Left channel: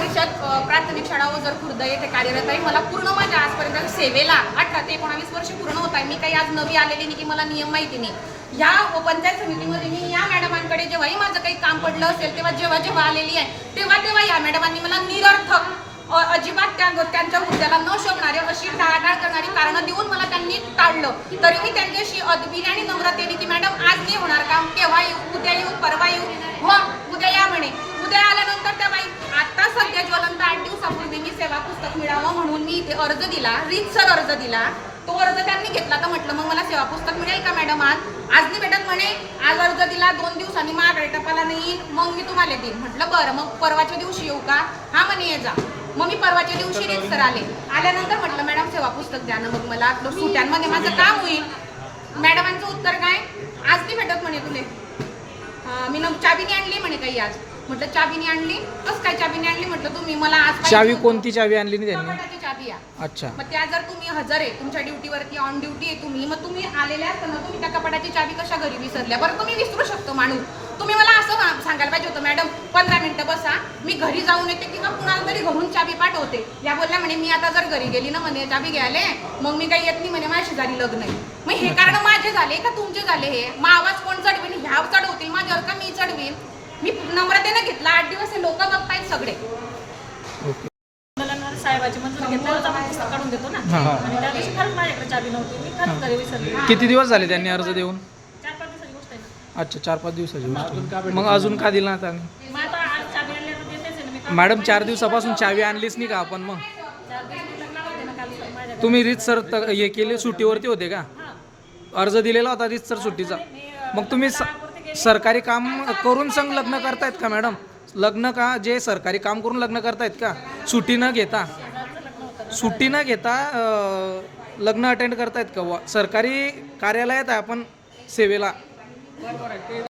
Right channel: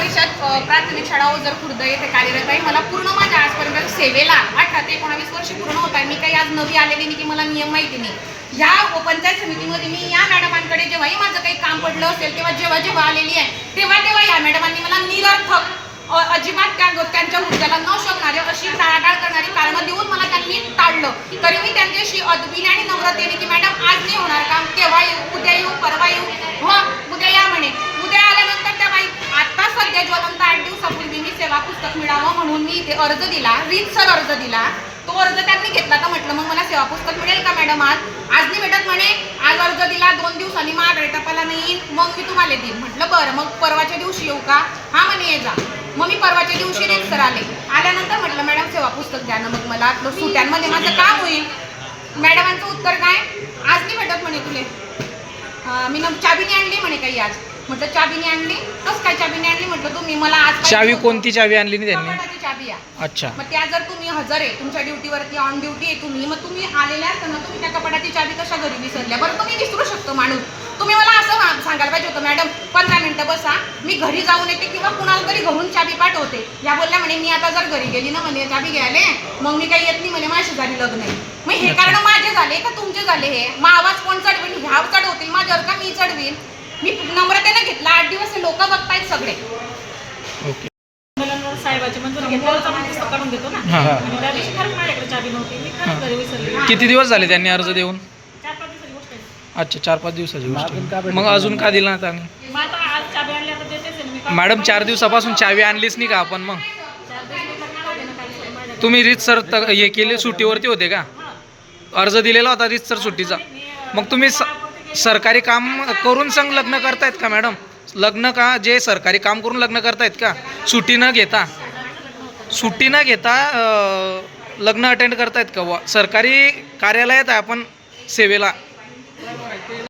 परिषद प्राथमिक शाळा जर खुर्द येथे कार्यरत आहे मला पूर्ण माझ्या आजपर्यंत सेवेला अठरा ते एकोणावीस वर्ष पूर्ण होत आहे. मी काही आज नवी आलेली नाही की मला नियम माहिती नाही. या पंचायत समितीमध्ये मी या मॅडमांकडे जेव्हाही माझं काही काम पडलं असेल किंवा जेव्हा जेव्हा आलेली आहे तेव्हा तेव्हा या मॅडमांनी मला निरर्थक अजिबात त्या त्यांच्या हुद्द्याला न शोभणारे अशी टाळाटाळ करणारी कारणं देऊन मला त्यांनी टाळलं. तरी मी त्यांच्याशी अदबीने आणि नम्रतेने की मॅडम आज नाही होणार काम केव्हा येऊ उद्या येऊ परवा येऊ हो उद्या या म्हणे उद्या आल्यानंतर त्या बाई सध्या ज्वलंत आठ दिवसापूर्वी मी सेवा पुस्तक मिळावं म्हणून मी इथे अर्ज दिला. रीतसर अर्ज दिला. तो अर्ज त्यांनी घेतला. तर म्हटलं मग मला सेवा पुस्तक मिळेल का मॅडम आज? आज नाही भेटत म्हणे. आज अर्ज दिला. दोन दिवसांनी माघारी टपाला नाही मग मी तुम्हाला देईन. म्हटलं बरं मग परवाच्या दिवशी येऊ का? हा म्हणे ये जा. मग मी परवाच्या दिवशी रीतसर आले. आल्यानंतर म्हटलं मॅडम सेवा पुस्तक द्या ना मग मला सुट्यांमध्ये माझं काम होईल? मॅडमांचं उत्तर काय? आज नाही भेटत म्हणे तुले. मी न चाबीने आणली म्हणे काही आज. म्हटलं चाबीने आणली. कसं काय चाबीने आणली? म्हटलं तुम्ही मला आज चावी. कोणती चावी आणली नाही त्यांनी? कपाटाची चाबी आहे अच्छा. मग त्या जर तुम्ही हजर आहे तुमच्या ड्युटीवरती ऑन ड्युटी आहे तुम्ही मग तुम्ही आलेल्या असताना तुम्ही त्या कपाटाची चाबी कशा घरी विसरल्या? बरं तुम्ही विसरू शकतो माणूस. तुम्ही मला असं मा- सांगायला पाहिजे होतं मॅडम पंधरा मिनिटं बसा मी घरी जाऊन येते किंवा कुणाला तरी घरून चाबी पाठवते. या बोलल्या म्हणे मी आता जर घरी गेली ना म्हणे चाबी घ्यायला मग मी काही येत नाही म्हणे माझी झाली लग्न नाही मग हे. कारण माझे झाले का तुमचे झाले हे? मग आवाज कोण चढवेल? ह्या चढवतील माझ्यावर का मी चढवीन? मी नम्रतेनं घेतला आठ दिवस लोक बघतायत सगळे. ओके. मुलांवर साहेबाची मंजुरी घेतल्यावरच आपण पुस्तक काढून देतो ना? हां. आणि त्या दिवशी खरंच माझ्याकडे चाबी नव्हती मी खरंच घरी विसरली. किती दिवस झाले त्यांनी अर्ज देऊन? चार पाच दिवसाची गोष्ट आहे. अच्छा चार पाच दिवसाची गोष्ट मग अजून का दिला आता चाबी आणली आता देतेच आहे ना मी काढून. मॅडम चार दिवसापासून चावी आणलीच नाही का आपण मग? तुम्ही रीत सर त- हे केले सुट्टीवरती होते का? अर्ज दिलेला होता रीत सर सुट्टीचा. मग तुम्ही स- सरकारी काम करून संग लग्न करतायत का मॅडम? लग्न का जे सरकारी काम करून लग्न करतायत का? सुट्टी न घेता. सुट्टी न घेता लग्न अटेंड करतायत का व? सरकारी कार्यालयात आहे आपण सेवेला.